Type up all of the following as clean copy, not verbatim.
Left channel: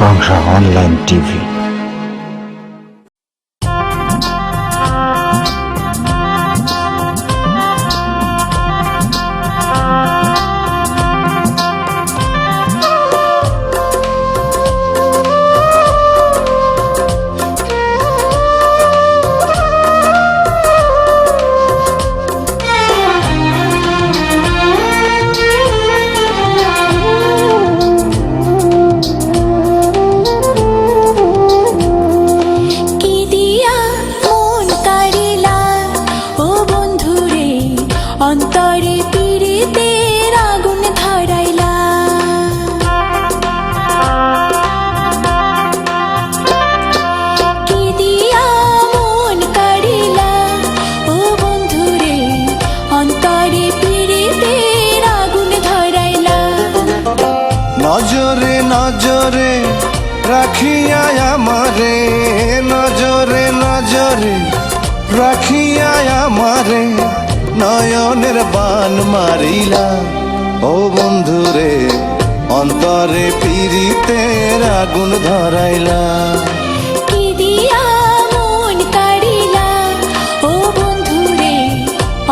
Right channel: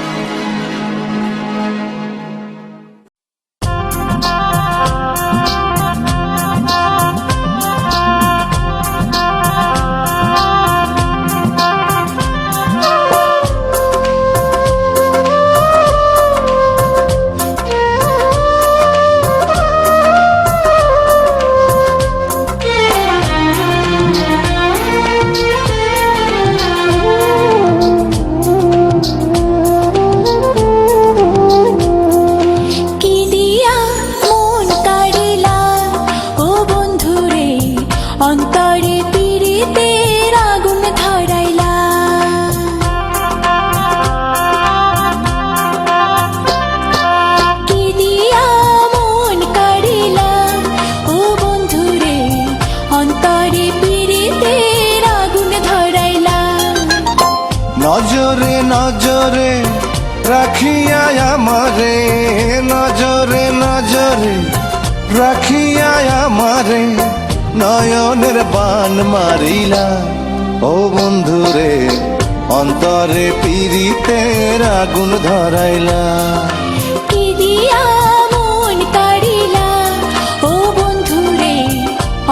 Bangsa Online TV. নজরে নজরে রাখিয়া আমারে, নজরে নজরে রাখিয়া আমারে, নয়নের বান মারিলা। ও বন্ধুরে অন্তরে পীড়িতের আগুন ধরাইলা।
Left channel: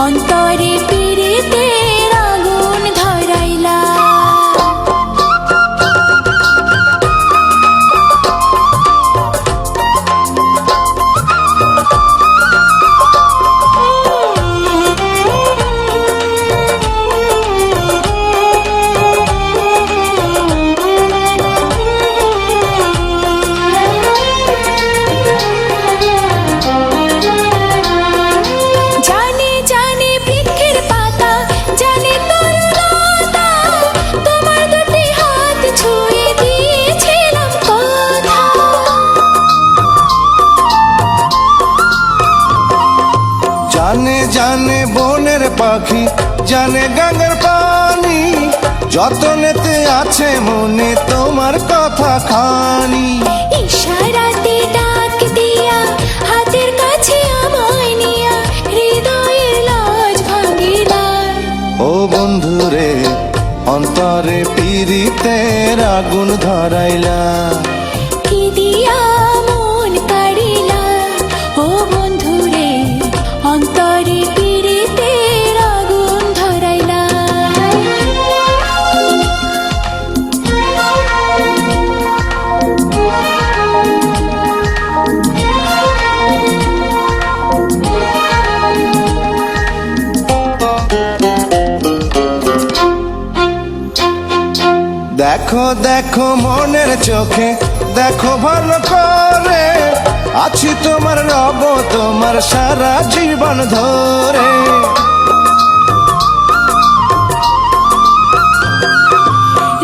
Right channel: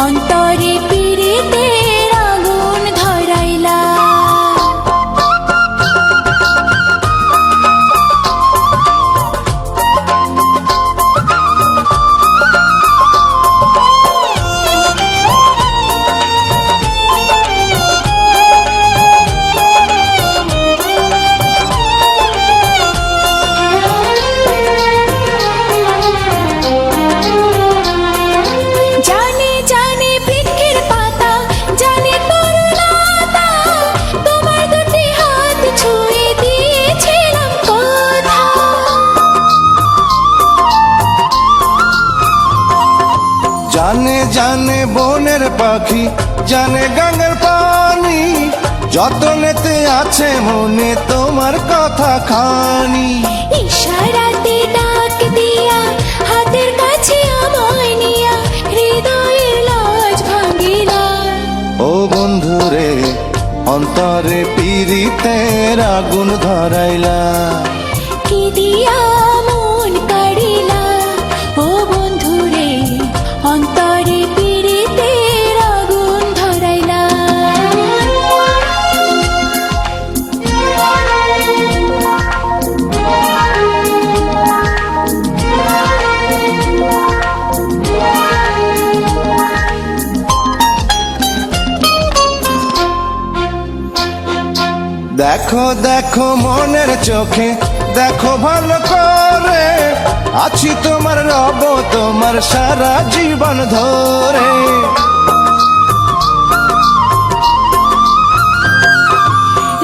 অন্তরে পীড়িতের আগুন ধরাইলা। জানে জানে বনের পাখি, জানে গাঙ্গের পানি, যতনেতে আছে মনে তোমার কথা খানি। ইশারাতে ডাক দিয়া হাতের কাছে আমায় নিয়া, হৃদয়ের লাজ ভাঙিলা। ও বন্ধুরে অন্তরে পীড়িতের আগুন ধরাইলা। কি দিয়া মন কাড়িলা। ও বন্ধুরে অন্তরে পীড়িতের আগুন ধরাইলা। দেখো দেখো মনের চোখে দেখো ভালো করে, আছি তোমার রব তোমার সারা জীবন ধরে।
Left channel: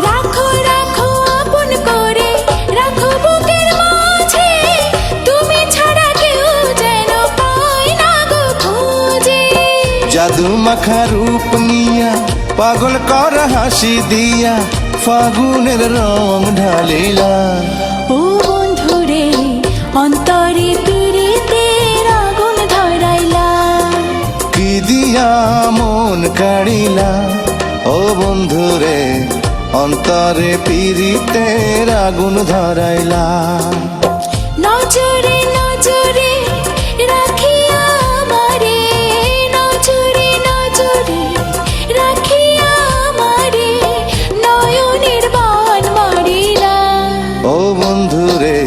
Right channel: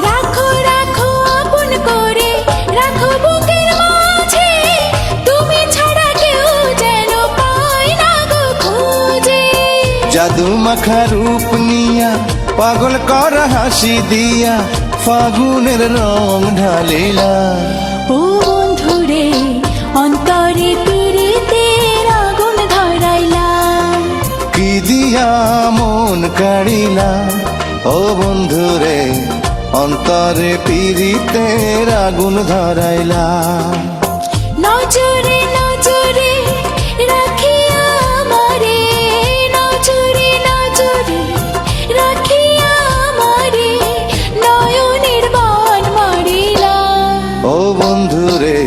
রাখো রাখো আপন করে, রাখো বুকের মাঝে, তুমি ছাড়া কেউ যেন পায় না গো খুঁজে। জাদু মাখা রূপ নিয়া পাগল কর হাসি দিয়া, ফাগুনের রং ঢালিলা। ও বন্ধুরে অন্তরে পীড়িতের আগুন ধরাইলা। কি দিয়া মন কাড়িলা। ও বন্ধুরে অন্তরে পীড়িতের আগুন ধরাইলা। নজরে নজরে রাখিয়া আমারে, নজরে নজরে রাখিয়া আমারে, নয়নের বান মারিলা। ও বন্ধুরে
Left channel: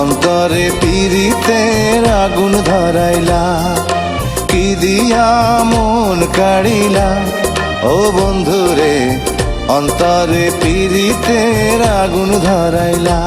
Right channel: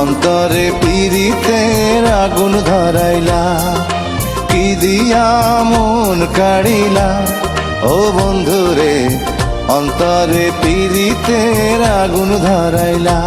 অন্তরে পীড়িতের আগুন ধরাইলা। কি দিয়া মন কাড়িলা। ও বন্ধুরে অন্তরে পীড়িতের আগুন ধরাইলা।